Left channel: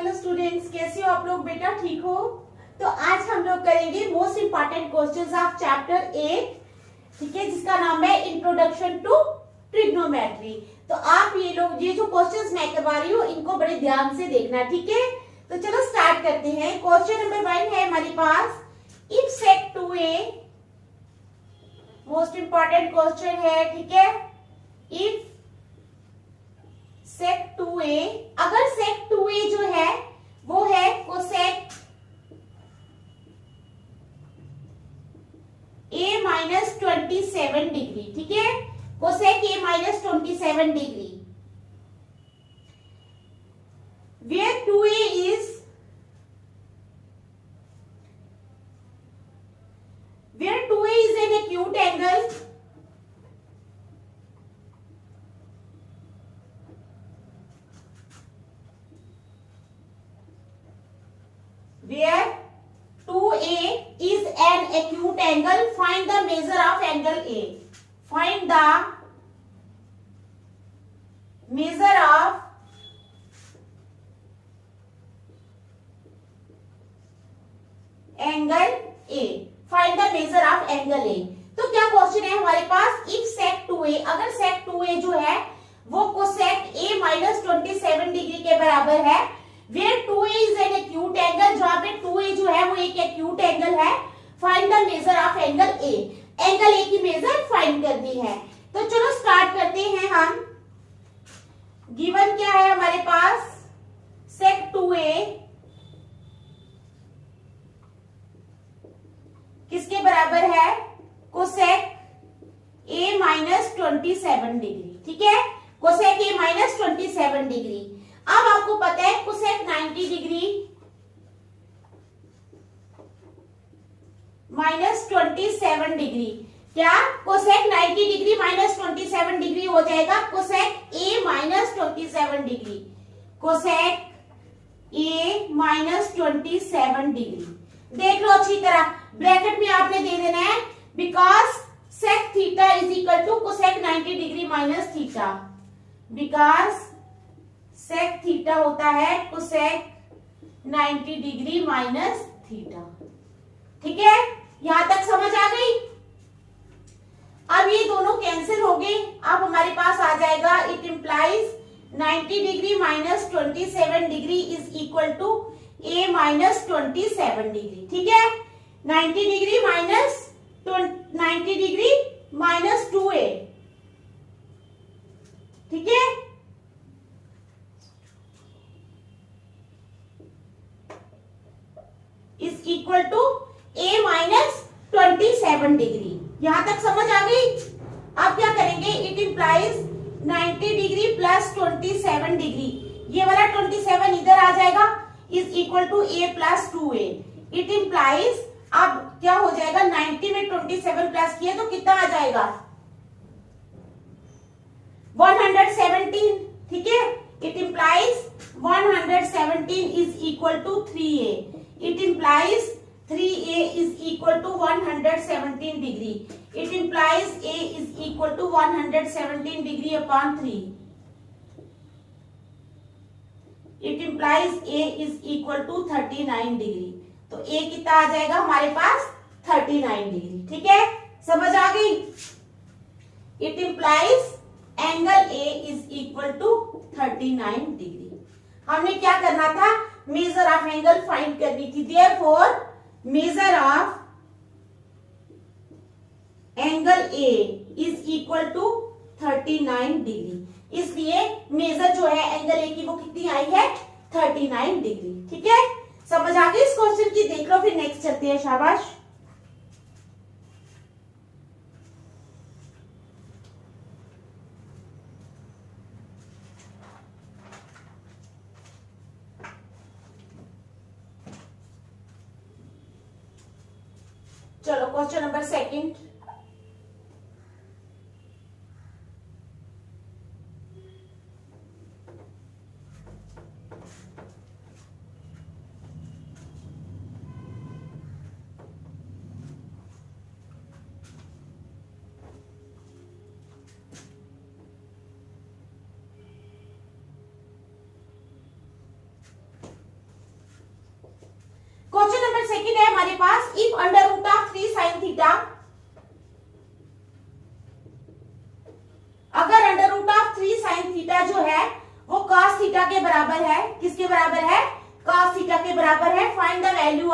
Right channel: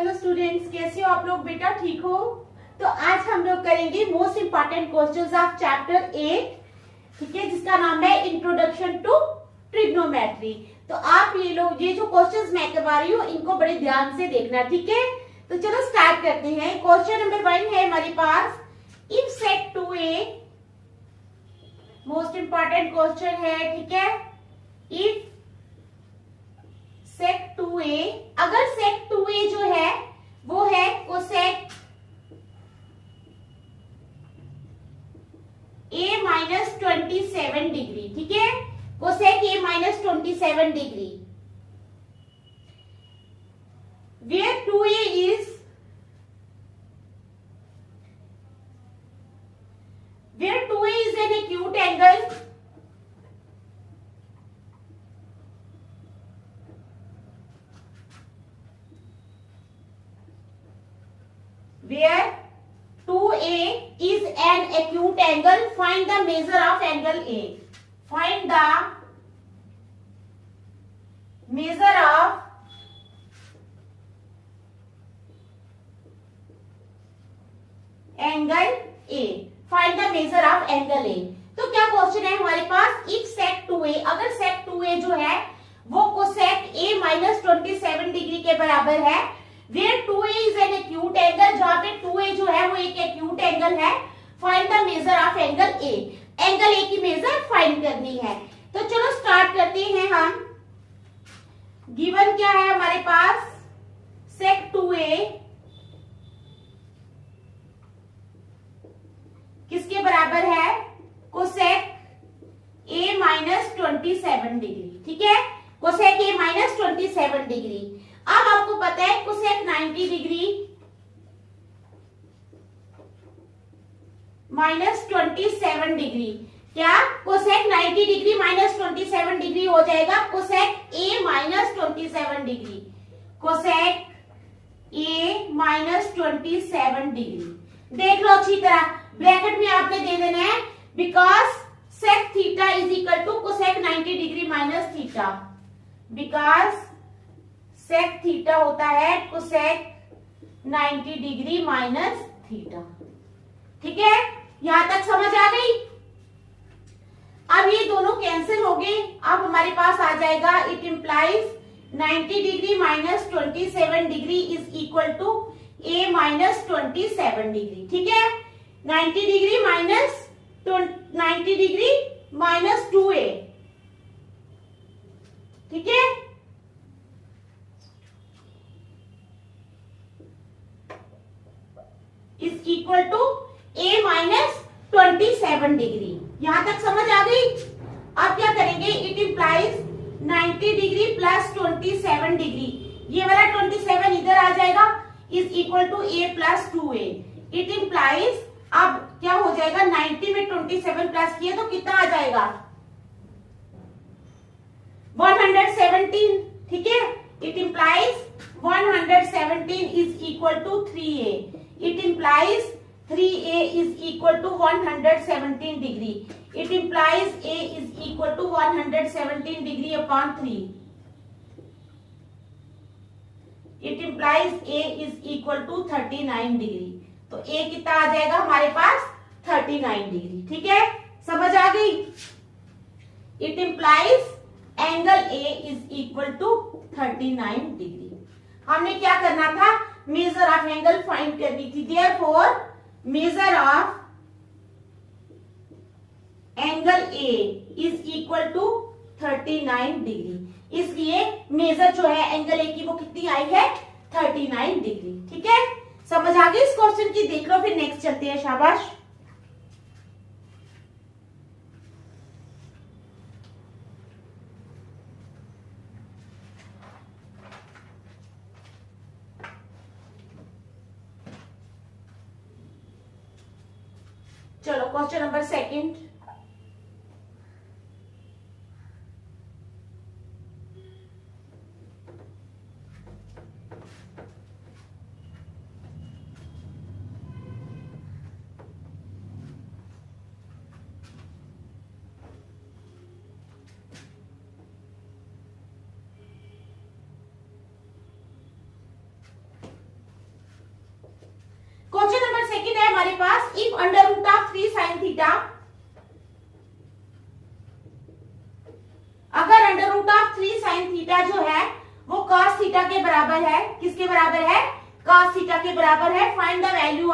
Hello students, कैसे हो आप लोग? बेटा ठीक हो? तो आज हम लोग करेंगे most important questions of chapter 8, ठीक है, जिसका नाम है इंट्रोडक्शन टू ट्रिग्नोमेट्री। तो आप ये जो क्वेश्चंस मैं करवा रही हूँ इनको बड़े ध्यान से देखना, ठीक है। तो चलो स्टार्ट करते हैं। क्वेश्चन नंबर 1 है हमारे पास, if sec 2a, most important question है, ठीक है। इफ सेक 2a, अगर सेक 2a जो है वो है कोसेक a माइनस 27 डिग्री, ठीक है, cosec a minus 27 degree, where 2a is an acute angle, where 2a is an acute angle, find the measure of angle A. Find the measure of angle A. Find the measure of angle A. तो क्या question है हमारे पास, if sec 2a, अगर सेक 2a जो है वो cosec a minus 27 degree के बराबर है, where 2a is an acute angle, जहां पे 2a जो है वो एक acute angle है, find the measure of angle A. Angle A की मेजर फाइंड करनी है। तो चलो स्टार्ट करते हैं हम। गिवन क्या है हमारे पास, सेक 2a किसके बराबर है, कोसेक a माइनस 27 डिग्री, ठीक है, कोसेक a माइनस 27 डिग्री। अब आपको पता है कोसेक 90 डिग्री माइनस 27 डिग्री, क्या कोसेक 90 डिग्री माइनस 27 डिग्री हो जाएगा cosec a minus 27 degree, cosec a minus 27 degree. देख लो अच्छी तरह, ब्रैकेट में आपने दे देना है, because sec theta is equal to cosec 90 degree minus theta, because sec theta होता है कोसेक 90 डिग्री माइनस थीटा, ठीक है। यहां तक समझ आ गई? अब ये दोनों कैंसिल हो गए, अब हमारे पास आ जाएगा, it implies 90 degree minus 27 degree is equal to a minus 27 degree, ठीक है। 90 degree minus 90 degree minus 2a, ठीक है, is equal to a minus 27 degree. यहां तक समझ आ गई? अब क्या करेंगे, it implies 90 degree plus 27 degree, ये वाला 27 इधर आ जाएगा, is equal to a plus 2a। It implies, अब क्या हो जाएगा, 90 में 27 प्लस किया तो कितना आ जाएगा, 117, ठीक है। It implies 117 is equal to 3a। It implies 3a is equal to 117 degree. It implies a is equal to 117 degree upon 3. It implies a is equal to 39 degree. तो a कितना आ जाएगा हमारे पास, 39 डिग्री, ठीक है, समझ आ गई? It implies angle a is equal to 39 degree. हमने क्या करना था, मेजर ऑफ एंगल फाइंड करनी थी, therefore measure of angle A is equal to 39 degree. इसलिए मेजर जो है एंगल A की वो कितनी आई है, 39 डिग्री, ठीक है। समझ आ गई इस क्वेश्चन की? देख लो, फिर नेक्स्ट चलते हैं, शाबाश। चलो क्वेश्चन नंबर 2। हमारे पास if under root of 3 sine theta, अगर under root of 3 sine theta जो है वो cos थीटा के बराबर है, किसके बराबर है? cos थीटा के बराबर है। Find the value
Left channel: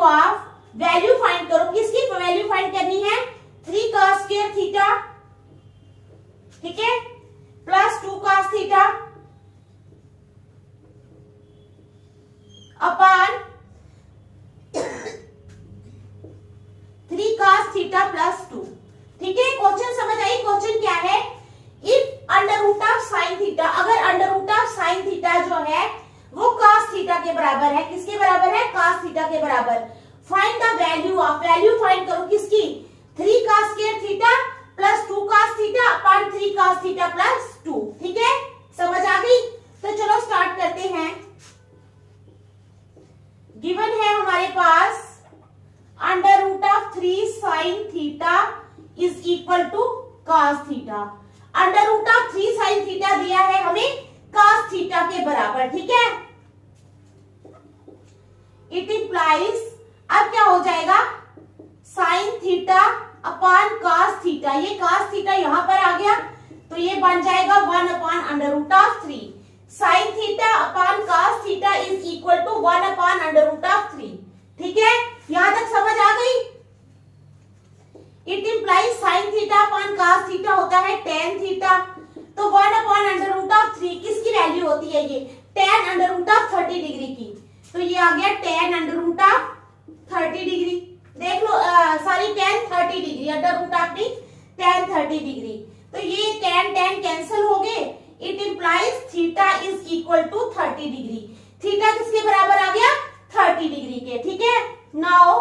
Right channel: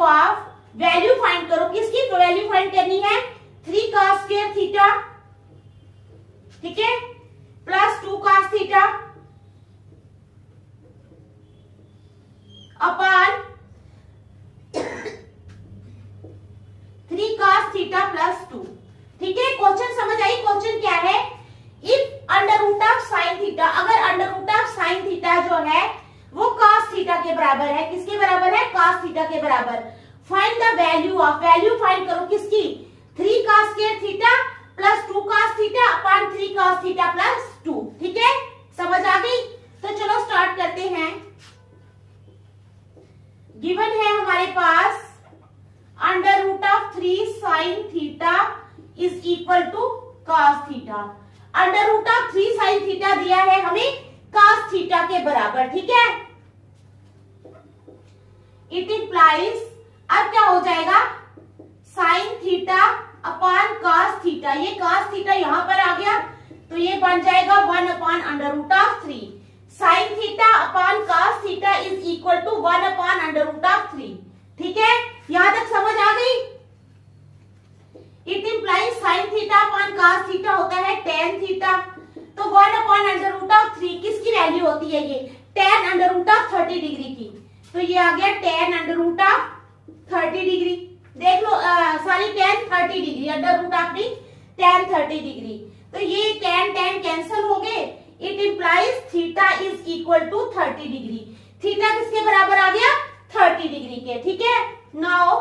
of, value find करो, किसकी वैल्यू फाइंड करनी है? 3 cos स्क्वायर थीटा, ठीक है, plus 2 cos theta upon 3 cos theta plus 2, ठीक है। क्वेश्चन समझ आई? क्वेश्चन क्या है? If under root of sine theta, अगर under root of sine theta जो है वो cos थीटा के बराबर है, किसके बराबर है? cos थीटा के बराबर। Find the value of, value find करो किसकी? 3 cos square theta plus 2 cos theta upon 3 cos theta plus 2, ठीक है, समझ आ गई? तो चलो स्टार्ट करते हैं। गिवन है हमारे पास under root of 3 sine theta is equal to cos theta. Under root of 3 sine theta दिया है हमें cos थीटा के बराबर, ठीक है। इट इंप्लाइज, अब क्या हो जाएगा? Sine theta upon cos theta, ये cos थीटा यहां पर आ गया तो ये बन जाएगा 1 upon under root of 3। Sine theta upon cos theta is equal to 1 upon under root of 3, ठीक है, यहां तक समझ आ गई? It implies sine theta upon cos theta होता है tan थीटा, तो 1 अपॉन अंडर रूट ऑफ 3 किसकी वैल्यू होती है? ये tan under root of 30 degree की, तो ये आ गया tan under root of 30 degree. देख लो, sorry tan 30 degree, under root of नहीं, tan 30 डिग्री, तो ये tan कैंसिल हो गए। It implies theta is equal to 30 degree. Theta किसके बराबर आ गया? 30 डिग्री के, ठीक है। नाउ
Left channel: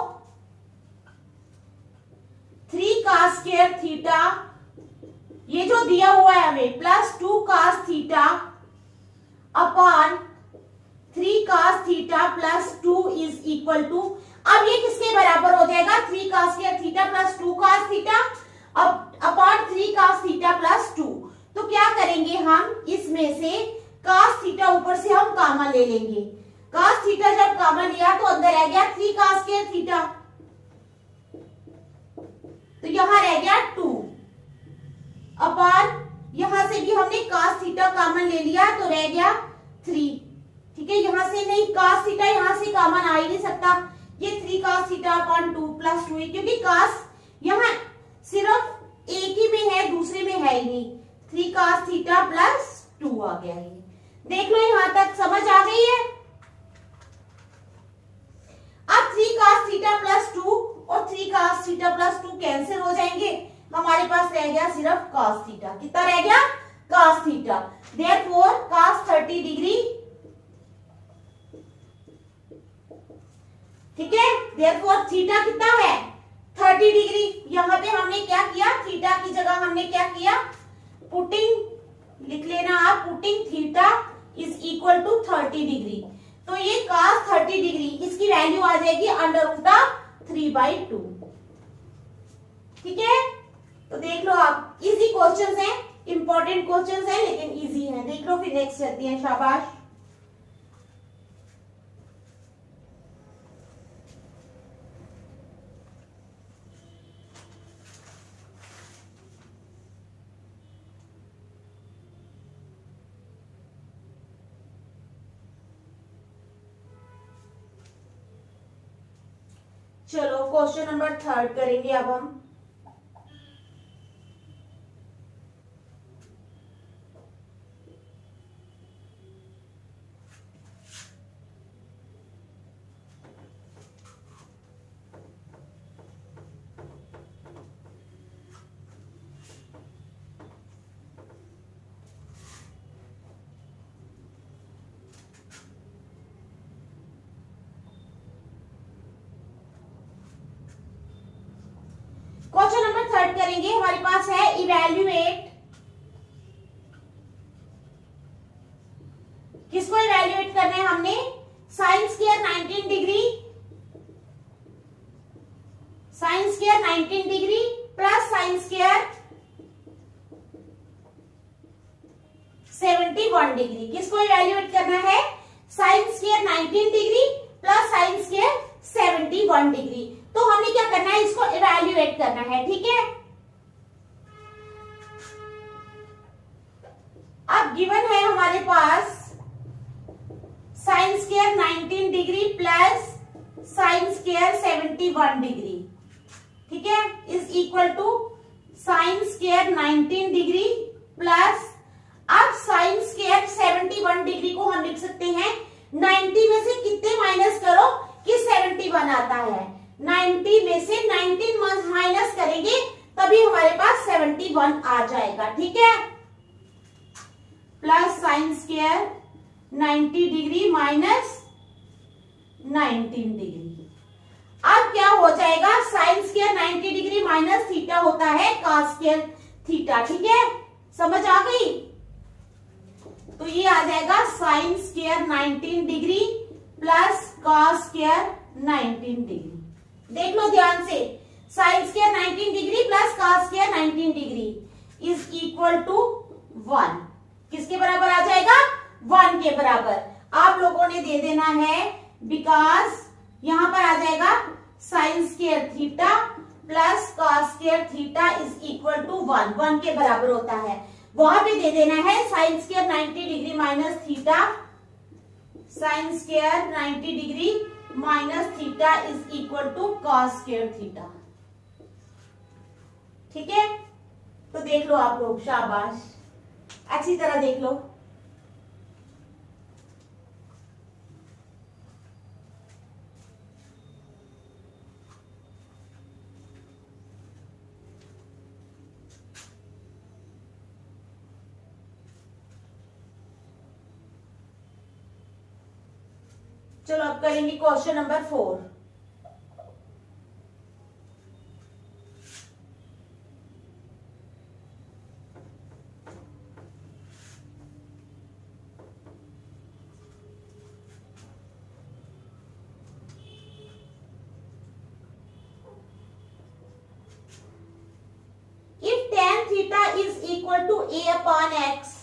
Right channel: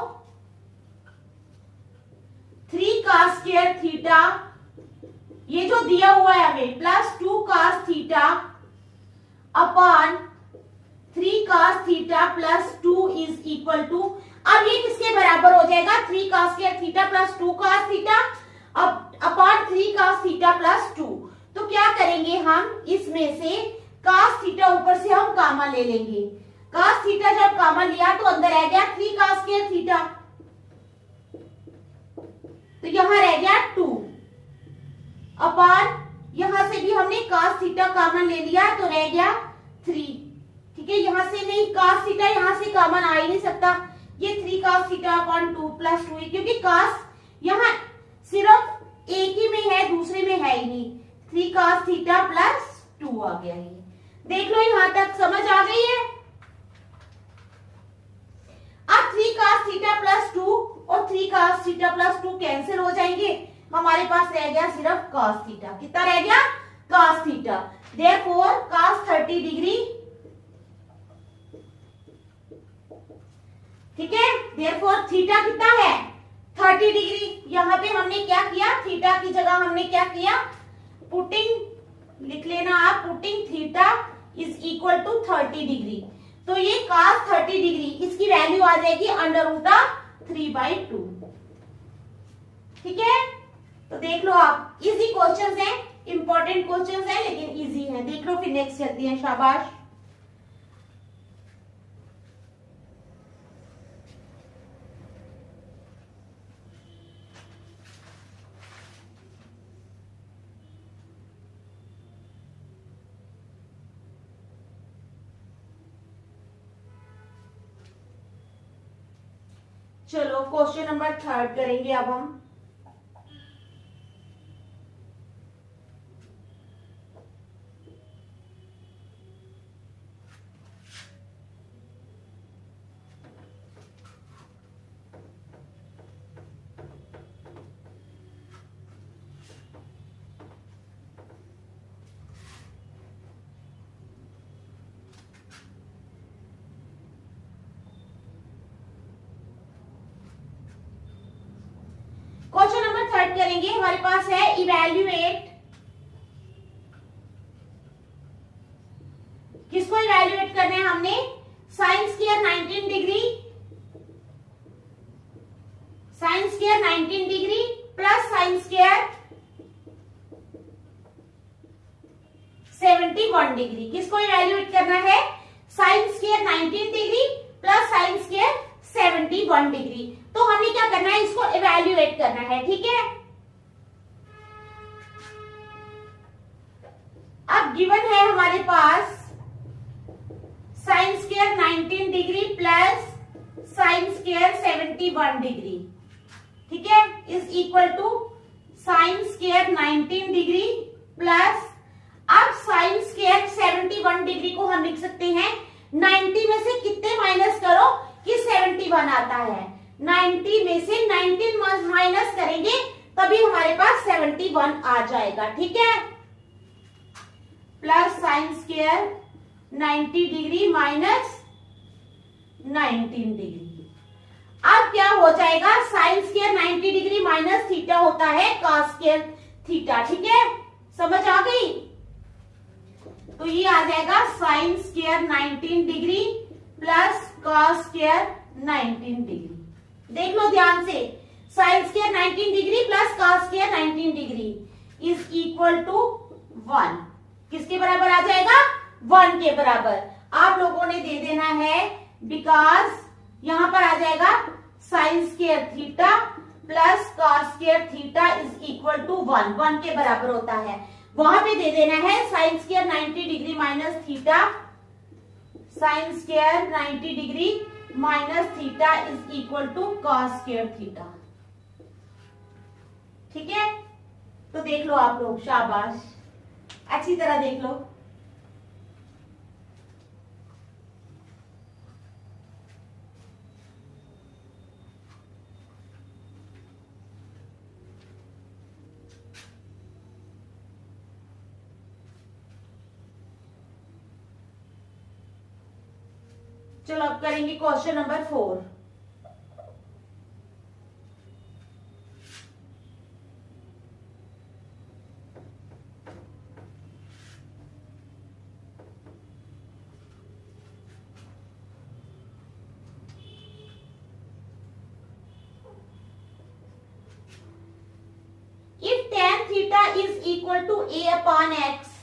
3 cos स्क्वायर थीटा, ये जो दिया हुआ है हमें, plus 2 cos theta upon 3 cos theta plus 2 is equal to, अब ये किसके बराबर हो जाएगा? 3 cos square theta plus 2 cos theta upon 3 cos theta plus 2। तो क्या करेंगे हम? इसमें से cos थीटा ऊपर से हम कॉमन ले लेंगे। cos थीटा जब कॉमन लिया तो अंदर रह गया 3 cos स्क्वायर थीटा, तो यहां रह गया 2 अपॉन, यहां से भी हमने cos थीटा कॉमन ले लिया तो रह गया 3, ठीक है। यहां से नहीं, cos थीटा यहां से कॉमन आ ही नहीं सकता, ये 3 cos थीटा अपॉन 2 प्लस 2, क्योंकि cos यहां सिर्फ एक ही में है, दूसरे में है ही नहीं। 3 cos थीटा प्लस 2 आ गया है। देख लो यहां तक समझ आ गई है? अब 3 cos थीटा प्लस 2 और 3 cos थीटा प्लस 2 कैंसिल हो जाएंगे, हमारे पास रह गया सिर्फ cos थीटा। कितना रह गया? cos theta. Therefore cos 30 degree, ठीक है, देयरफॉर थीटा कितना है? 30 डिग्री। यहां पे हमने क्या किया? थीटा की जगह हमने क्या किया? पुटिंग, लिख लेना आप, putting theta is equal to 30 degree, तो ये cos 30 डिग्री, इसकी वैल्यू आ जाएगी अंडर रूट ऑफ 3/2, ठीक है। तो देख लो आप, इजी क्वेश्चंस हैं, इंपॉर्टेंट क्वेश्चंस हैं लेकिन इजी हैं। देख लो, फिर नेक्स्ट चलती है, शाबाश। चलो क्वेश्चन नंबर 3 करेंगे अब हम। करेंगे, हमारे पास है इवैल्यूएट, किसको इवैल्यूएट करना है हमने? Sign square 19 degree, sign square 19 degree plus sine square 71 degree. किसको इवेल्युएट करना है? Sine square 19 degree plus sine square 71 degree. तो हमने क्या करना है? इसको इवेल्युएट करना है। ठीक है, अब गिवन है हमारे पास sine square 19 degree plus sine square 71 degree. ठीक है, is equal to sine square 19 degree plus, अब साइन स्क्वायर 71 डिग्री को हम लिख सकते हैं 90 में से कितने माइनस करो कि 71 आता है। 90 में से 19 माइनस करेंगे तभी हमारे पास 71 आ जाएगा। ठीक है, plus sine square 90 degree minus 19 degree. अब क्या हो जाएगा? Sine square 90 degree minus theta होता है कॉस स्क्वायर थीटा। ठीक है, समझ आ गई? तो ये आ जाएगा sine square 19 degree plus cos square 19 degree. देख लो ध्यान से, sine square 19 degree plus cos square 19 degree is equal to 1। किसके बराबर आ जाएगा? 1 के बराबर। आप लोगों ने दे देना है बिकॉज यहां पर आ जाएगा sine square theta plus cos square theta is equal to 1। 1 के बराबर होता है। वहां पे दे देना है sine square 90 degree minus theta, sine square 90 degree minus theta is equal to cos square theta. ठीक है, तो देख लो आप लोग, शाबाश, अच्छी तरह देख लो। चलो अब करेंगे question number 4। If tan theta is equal to a upon x,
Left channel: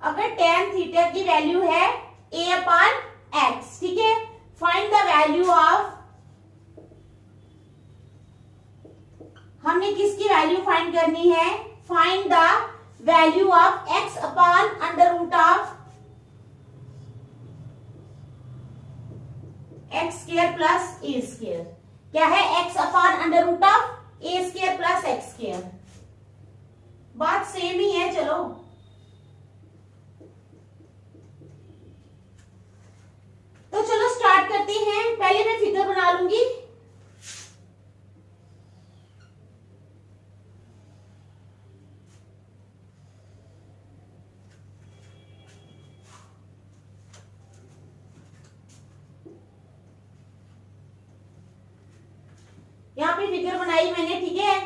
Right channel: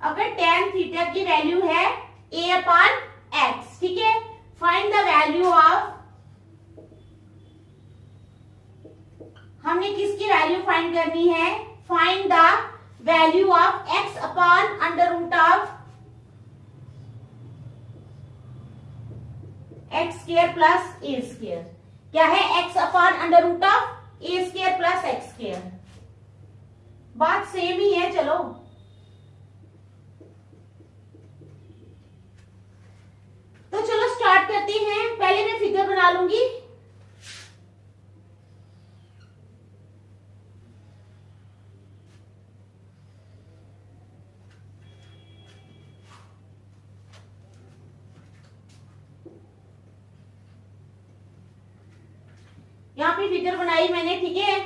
अगर tan थीटा की वैल्यू है a अपॉन x, ठीक है, फाइंड द वैल्यू ऑफ, हमने किसकी वैल्यू फाइंड करनी है? Find the value of x upon under root of x square plus a square. क्या है? x upon under root of a square plus x square. बात same ही है। चलो तो चलो स्टार्ट करते हैं। पहले मैं फिगर बना लूंगी। यहां पे फिगर बनाई मैंने, ठीक है।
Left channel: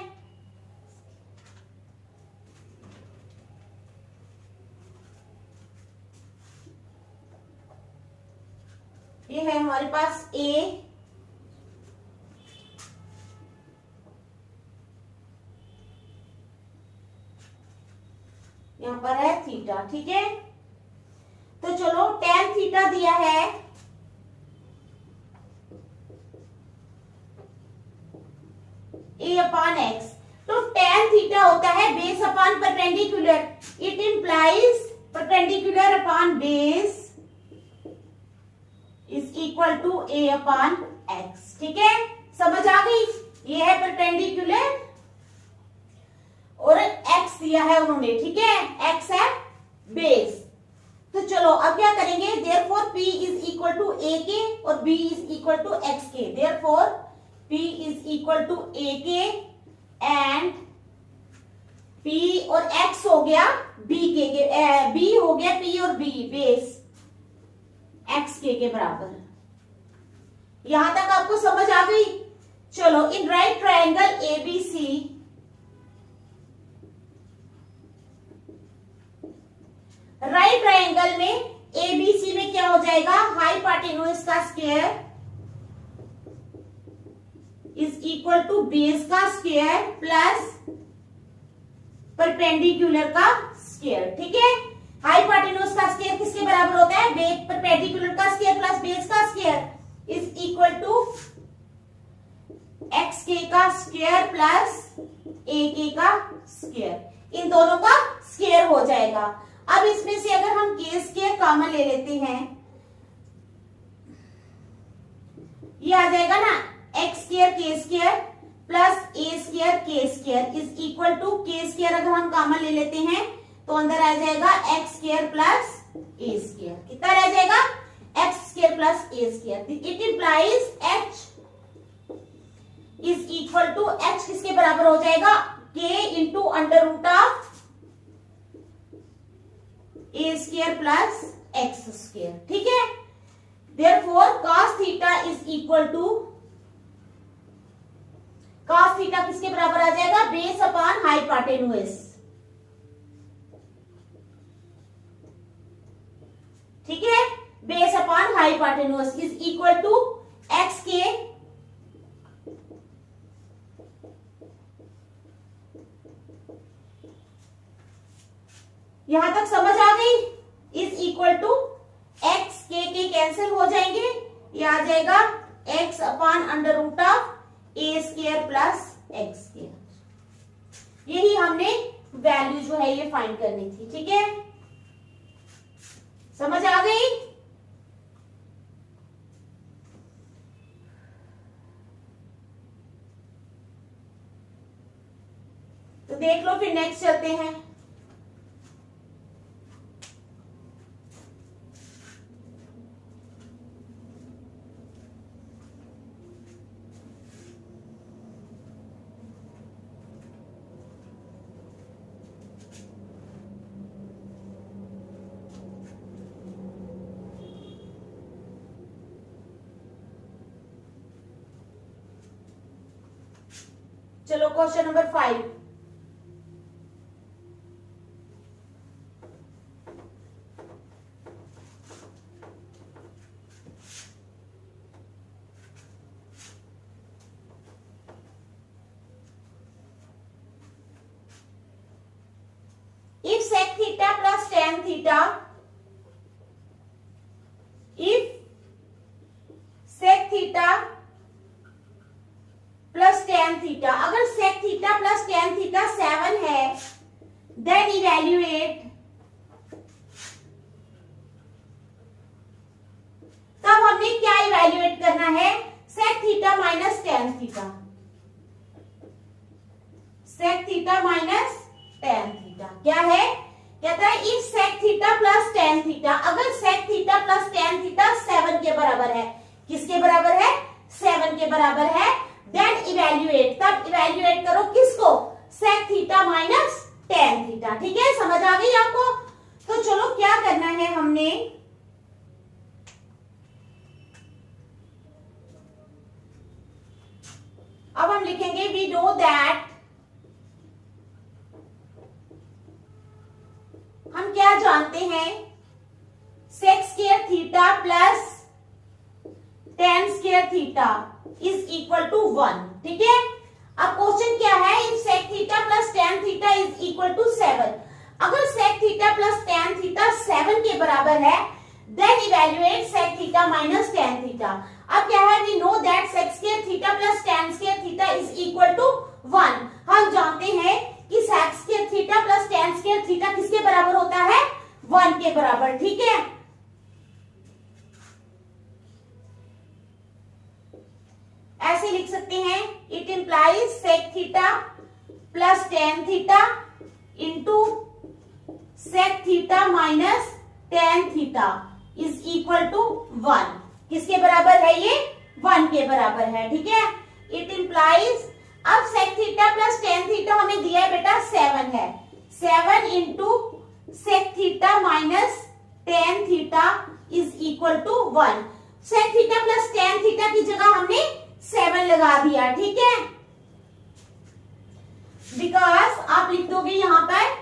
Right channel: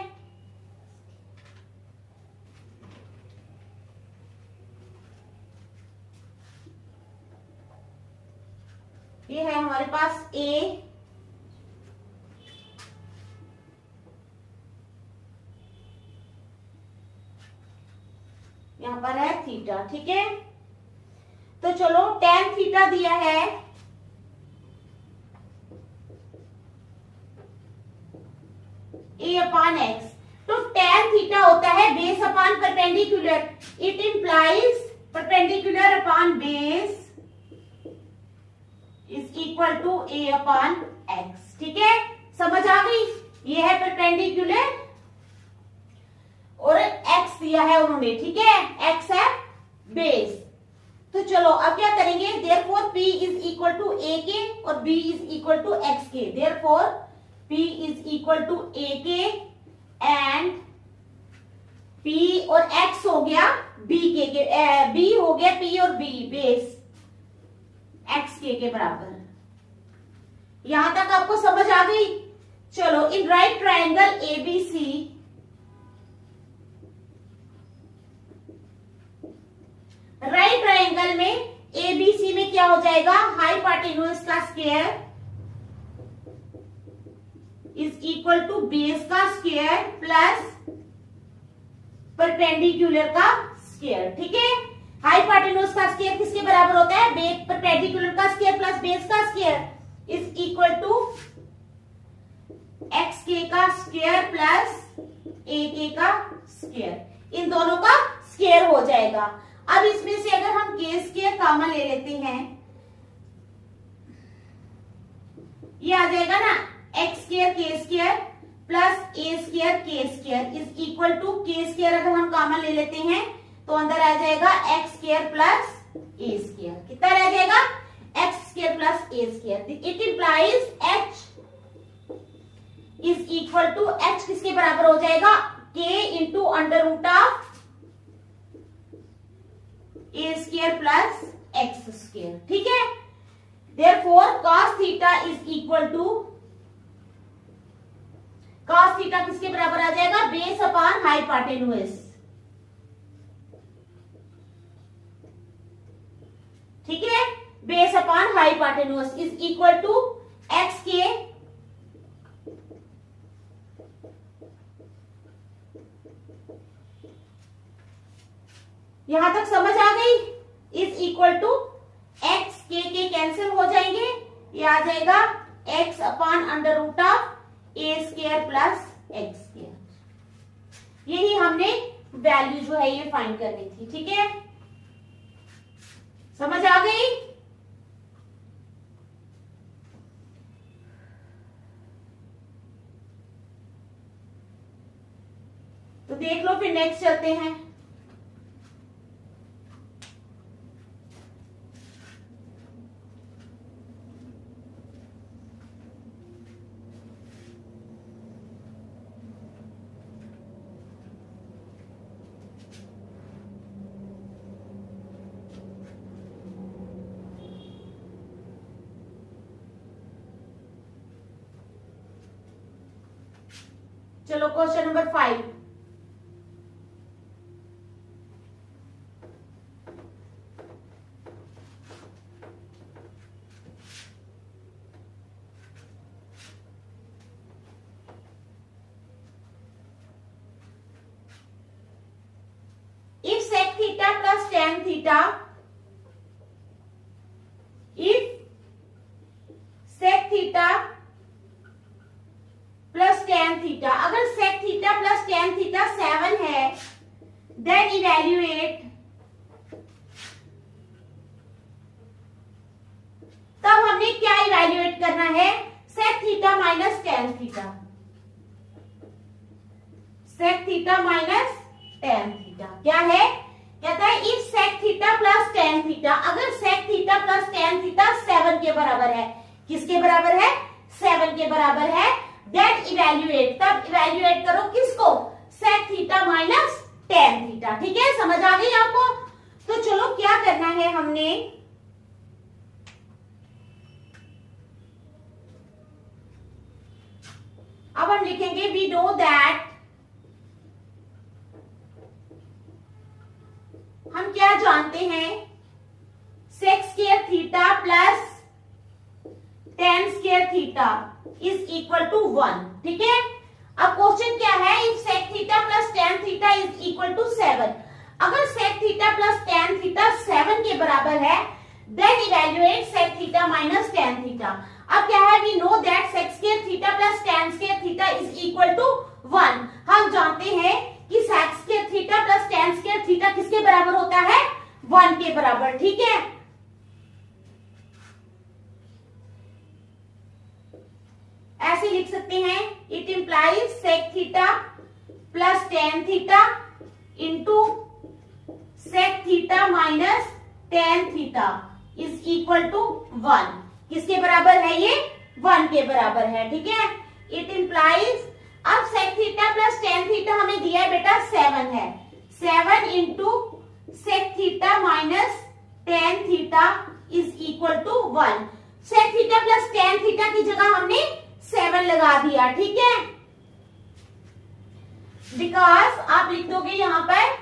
ये है हमारे पास A, यहां पर है थीटा, ठीक है। तो चलो tan थीटा दिया है A अपॉन एक्स। तो tan थीटा होता है base upon perpendicular. It implies perpendicular upon base is equal to a upon x. ठीक है, समझ आ गई? ये है परपेंडिकुलर और x दिया है उन्होंने, ठीक है, x है बेस। तो चलो अब क्या करेंगे? Therefore p is equal to a k और b is equal to x k. Therefore p is equal to a k and p और x हो गया b के b हो गया p और b बेस एक्स के बराबर। यहां तक आपको समझ आ गई? चलो, in right triangle ABC, right triangle में ABC में क्या हो जाएगा? हाइपोटेन्यूज का square is equal to base का स्क्वायर प्लस परपेंडिकुलर का स्क्वायर, ठीक है। हाइपोटेन्यूज का स्क्वायर किसके बराबर होता है? परपेंडिकुलर का स्क्वायर प्लस बेस का square is equal to x k का स्क्वायर प्लस ए के का स्क्वायर। इन दोनों का स्क्वायर हो जाएगा। अब इसमें से अगर हम के स्क्वायर कॉमन ले लेते हैं, ये आ जाएगा ना एक्स स्क्वायर के स्क्वायर प्लस ए स्क्वायर के स्क्वायर इज इक्वल टू के स्क्वायर अगर हम कॉमन ले लेते हैं तो अंदर आ जाएगा x square plus a square. कितना रह जाएगा? X square plus a square. It implies h is equal to h किसके बराबर हो जाएगा? K into under root of a square plus x square, ठीक है। Therefore cos theta is equal to cos theta किसके बराबर आ जाएगा? बेस अपॉन हाइपोटेन्यूज, ठीक है। Base upon hypotenuse is equal to x k यहां तक समझ आ गई? Is equal to x k cancel हो जाएंगे, ये आ जाएगा x upon under root of a square plus x square. यही हमने वैल्यू जो है ये फाइंड करनी थी, ठीक है। समझ आ गई? तो देख लो, फिर नेक्स्ट चलते हैं। चलो question number 5। if sec theta plus tan theta, if sec theta plus tan theta, अगर sec theta plus tan theta 7 है, देन इवेल्युएट, तब हमने क्या इवेल्युएट करना है? sec theta minus tan theta, sec theta minus tan theta क्या है? कहता है if sec theta plus tan theta, अगर sec theta plus tan theta 7 के बराबर है, किसके बराबर है? 7 के बराबर है, देन इवेल्युएट, तब इवेल्युएट करो किसको? sec theta minus tan theta, ठीक है। समझ आ गई आपको? तो चलो क्या करना है हमने, अब हम लिखेंगे वी नो दैट, हम क्या जानते हैं? sec square theta plus tan square theta is equal to 1, ठीक है। अब क्वेश्चन क्या है? If sec theta plus tan theta is equal to 7, अगर sec theta plus tan theta 7 के बराबर है, then evaluate sec theta minus tan theta. अब क्या है? We know that sec square theta plus tan square theta is equal to 1। हम जानते हैं कि sec square theta plus tan square theta किसके बराबर होता है? 1 के बराबर, ठीक है। ऐसे लिख सकते हैं, it implies sec theta plus tan theta into sec theta minus tan theta is equal to 1। किसके बराबर है ये? 1 के बराबर है, ठीक है। इट इंप्लाइज, अब sec theta plus tan theta हमें दिया है बेटा 7 है, 7 into sec theta minus tan theta is equal to 1। sec theta plus tan theta की जगह हमने 7 लगा दिया, ठीक है। बिकॉज आप लिख दोगे यहां पर,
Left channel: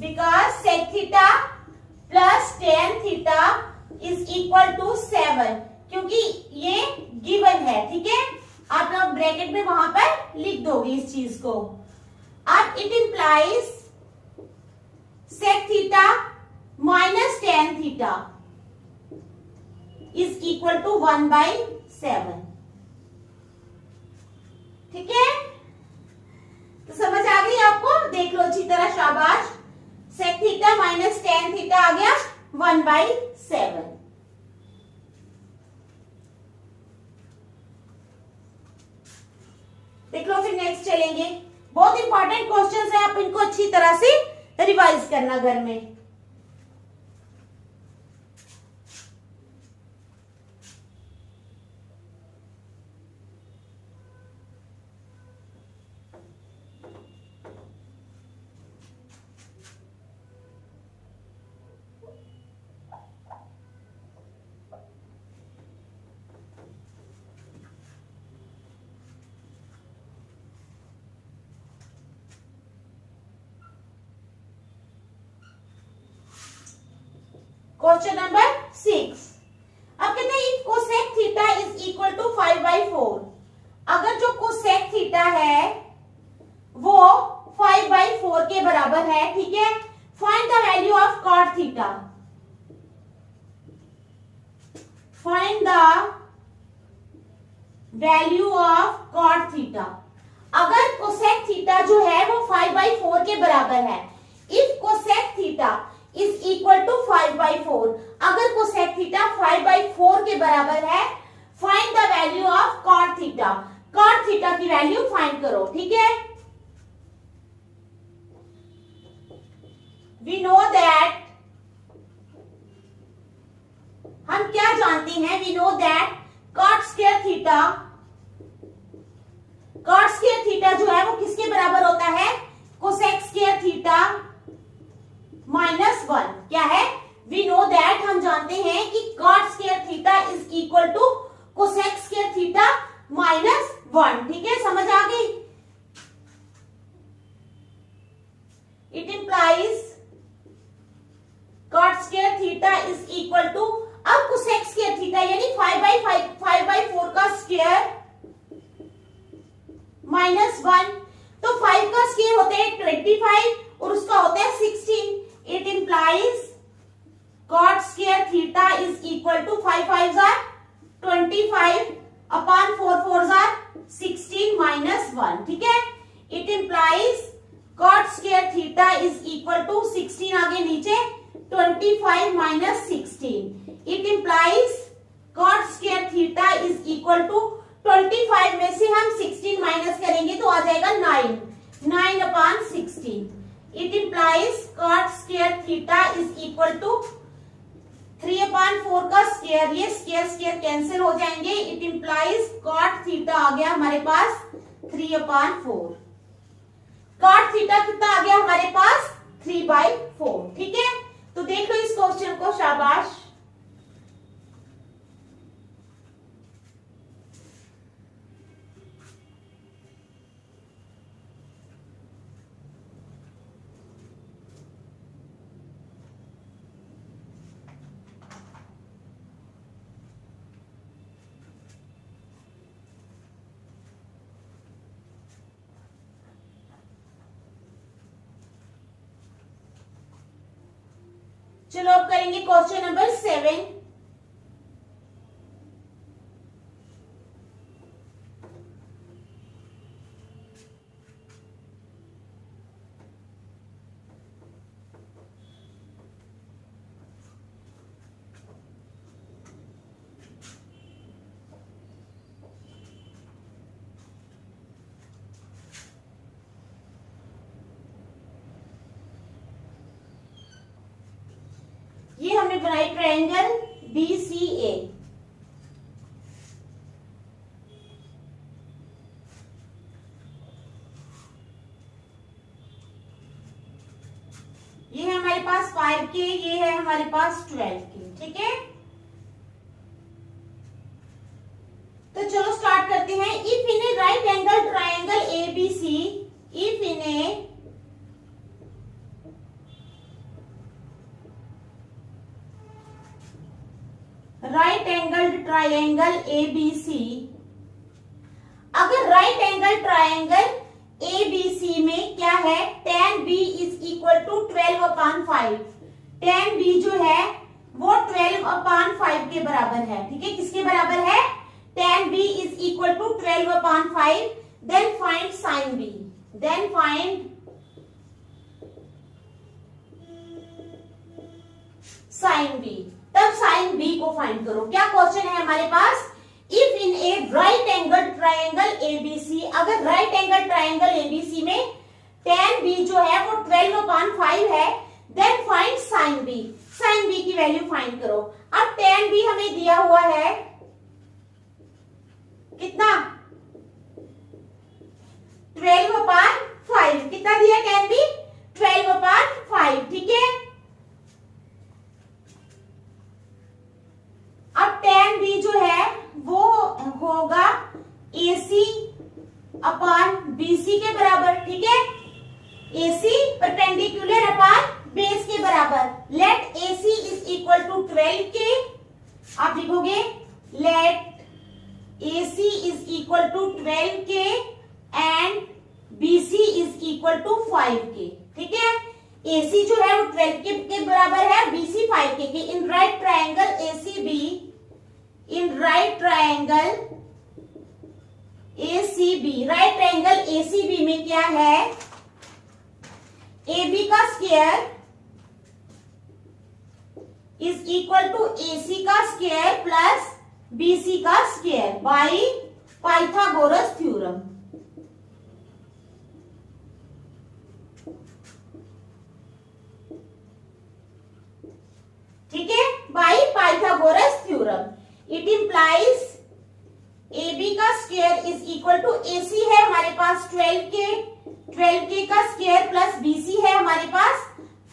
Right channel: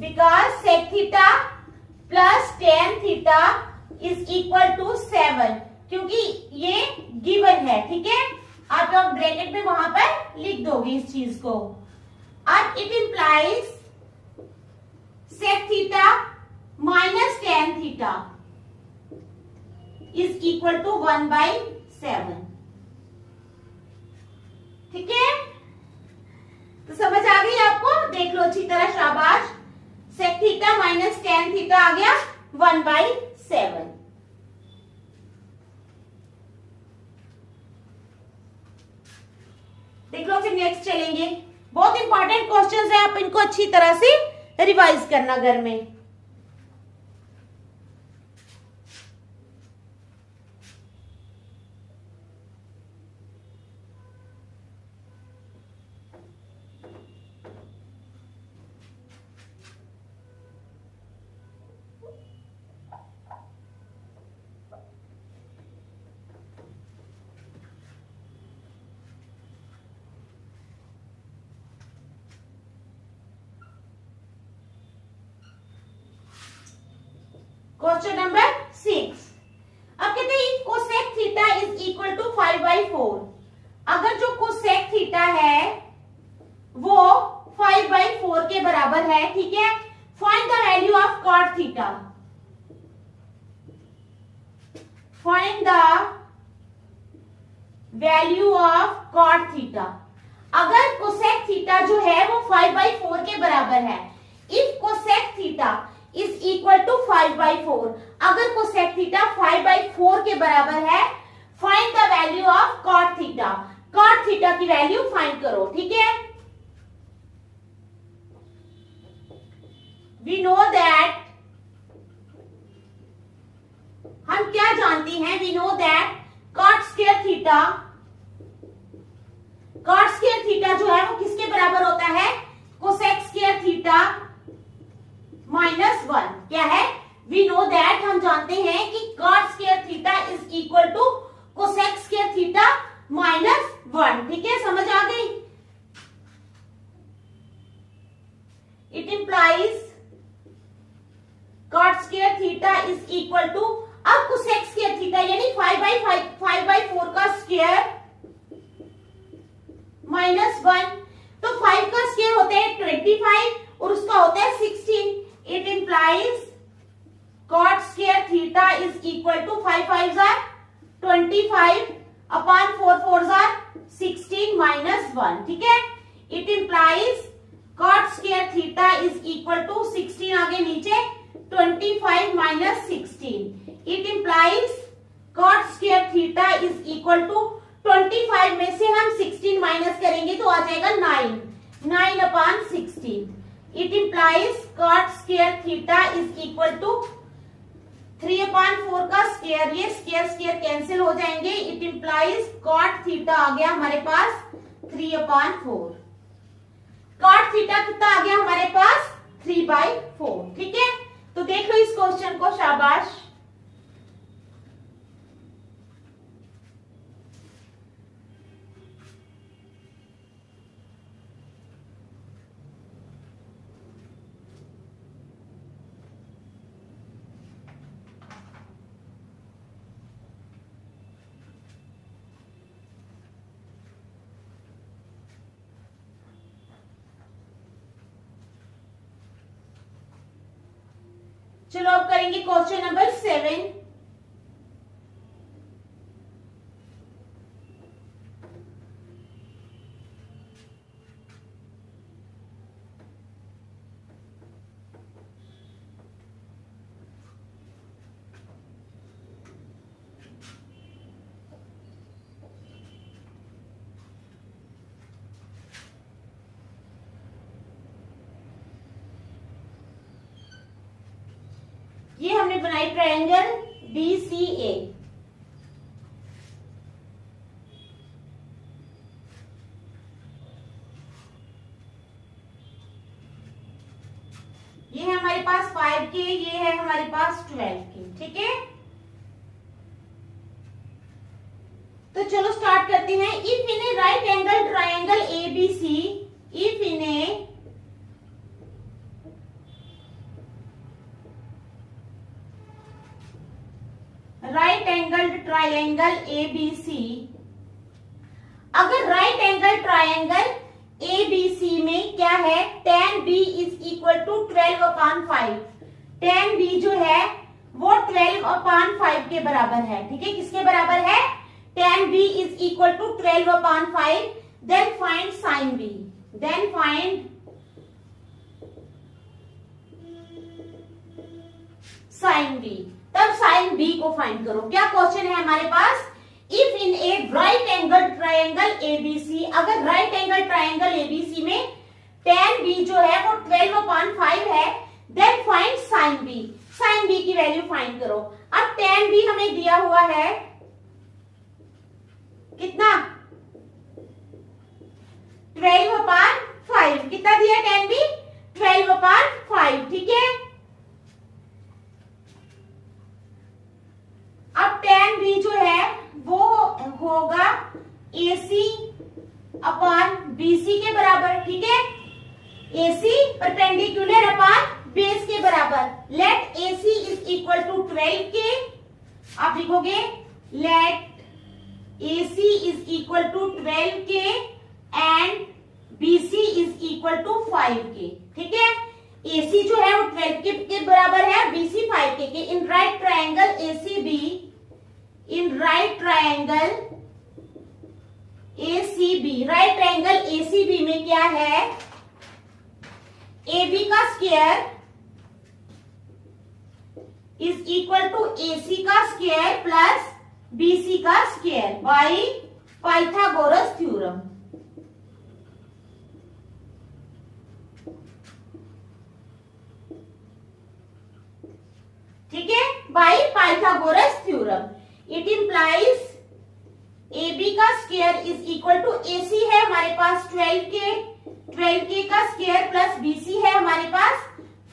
because sec theta plus tan theta is equal to 7, क्योंकि ये गिवन है, ठीक है। आप लोग ब्रैकेट में वहां पर लिख दोगे इस चीज को। अब it implies sec theta minus tan theta is equal to 1/7। ठीक है, तो समझ आ गई आपको? देख लो अच्छी तरह, शाबाश। Sec theta minus tan theta आ गया 1/7। देख लो, फिर नेक्स्ट चलेंगे। बहुत इंपॉर्टेंट क्वेश्चंस है, आप इनको अच्छी तरह से रिवाइज करना घर में। Question number 6। अब कहते हैं if cosec theta is equal to 5/4, अगर जो कोसेक थीटा है वो 5/4 के बराबर है, ठीक है, find the value of cot theta. Find the value of cot theta. अगर कोसेक थीटा जो है वो 5/4 के बराबर है, if cosec theta is equal to 5/4, अगर कोसेक थीटा 5/4 के बराबर है, find the value of cot theta. Cot theta की वैल्यू फाइंड करो, ठीक है। वी नो दैट, हम क्या जानते हैं, we know that cot square theta, cot square theta जो है वो किसके बराबर होता है, कोसेक स्क्वायर थीटा -1। क्या है, वी नो दैट, हम जानते हैं कि cot square theta is equal to cosec square theta -1। ठीक है, समझ आ गई? It implies cot square theta is equal to, अब कोसेक स्क्वायर थीटा यानी 5/4 का स्क्वायर -1, तो 5 का स्क्वायर होता है 25 और उसका होता है 16। It implies cot square theta is equal to 5 5 जार 25 अपॉन 4 4 जार 16 -1। ठीक है, it implies cot square theta is equal to 16 आगे नीचे 25 -16। It implies cot square theta is equal to 25 में से हम 16 माइनस करेंगे तो आ जाएगा 9 upon 16। It implies cot square theta is equal to 3/4 का स्क्वायर, ये स्क्वायर कैंसिल हो जाएंगे। इट इंप्लाइज कॉट थीटा आ गया हमारे पास 3/4। कॉट थीटा कितना आ गया हमारे पास 3/4। ठीक है, तो देख लो इस क्वेश्चन को, शाबाश। चलो अब करेंगे क्वेश्चन नंबर 7। ये हमने बनाई ट्रायंगल BCA। ये है हमारे पास 5 के, ये है हमारे पास 12 के। ठीक है, तो चलो स्टार्ट करते हैं। If in a right angle triangle ABC, if in a right angle triangle ABC, अगर राइट एंगल ट्रायंगल ABC में क्या है, है tan b is equal to 12/5। tan b जो है वो 12/5 के बराबर है। ठीक है, किसके बराबर है? tan b is equal to 12/5। Then find sin b। Then find sin b। तब sin b को फाइंड करो। क्या क्वेश्चन है हमारे पास? If in a right angle triangle ABC, अगर राइट एंगल ट्राइंगल एबीसी में tan b जो है वो 12/5 है, then find sin b। sin b की वैल्यू फाइंड करो। अब tan b हमें दिया हुआ है कितना? 12/5। कितना दिया tan b? 12/5। ठीक है, अब tan b जो है वो होगा AC अपॉन BC के बराबर। ठीक है, AC परपेंडिकुलर अपॉन बेस के बराबर। Let AC is equal to 12K। आप लिखोगे let AC is equal to 12K and BC is equal to 5K। ठीक है, AC जो है वो 12K के बराबर है, BC 5K के। In right triangle ACB, in right triangle ACB, right triangle ACB में क्या है? AB का square is equal to AC का स्क्वायर प्लस BC का स्क्वायर बाई पाइथागोरस थ्योरम। ठीक है, by Pythagoras theorem. It implies AB का square is equal to AC है हमारे पास 12K का स्क्वायर प्लस BC है हमारे पास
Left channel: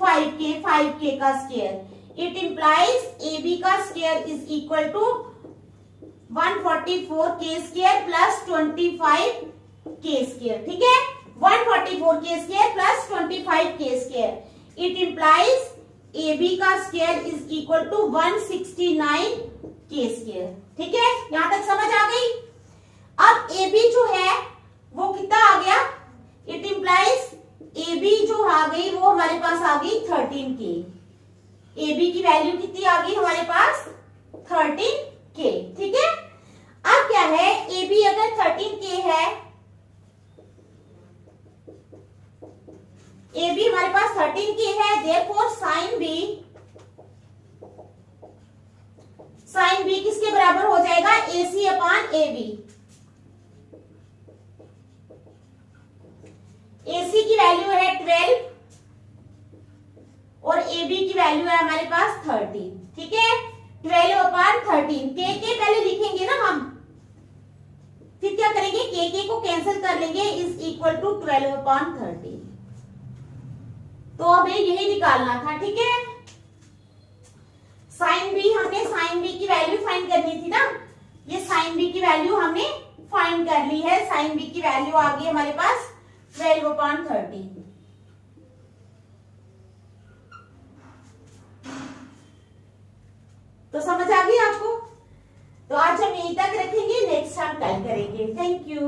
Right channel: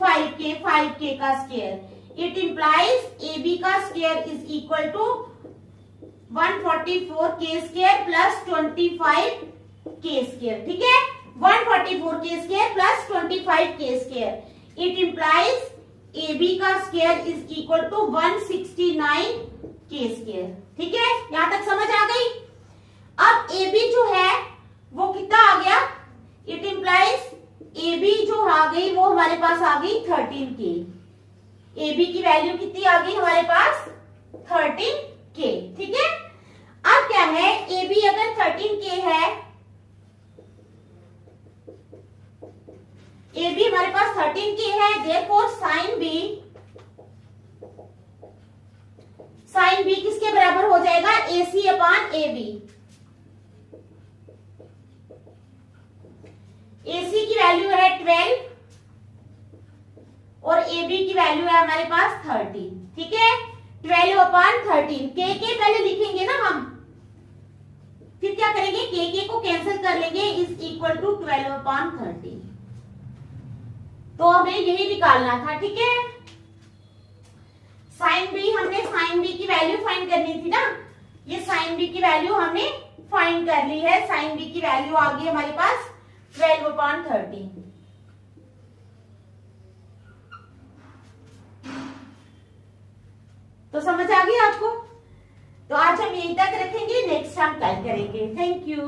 5K का स्क्वायर। इट इंप्लाइज AB का square is equal to 144K square plus 25K square. ठीक है, 144K square plus 25K square. It implies AB का square is equal to 169K square. ठीक है, यहां तक समझ आ गई? अब AB जो है वो कितना आ गया? इट इंप्लाइज AB जो आ गई वो हमारे पास आ गई 13K। AB की वैल्यू कितनी आ गई हमारे पास? 13K। ठीक है, अब क्या है? AB अगर 13K है, AB हमारे पास 13K है, देयरफॉर sin B किसके बराबर हो जाएगा? AC upon AB। AC की वैल्यू है 12 और AB की वैल्यू है हमारे पास 13। ठीक है, 12 अपॉन 13। के पहले लिखेंगे ना हम, फिर क्या करेंगे? के को कैंसिल कर लेंगे, इज इक्वल टू 12 अपॉन 13। तो हमें यही निकालना था। ठीक है, sin B, हमने sin B की वैल्यू फाइंड करनी थी ना। ये sin B की वैल्यू हमने फाइंड कर ली है। sin B की वैल्यू आ गई हमारे पास 12/13। तो समझ आ गई आपको? तो आज हम यहीं तक रखेंगे, नेक्स्ट हम कल करेंगे। Thank you.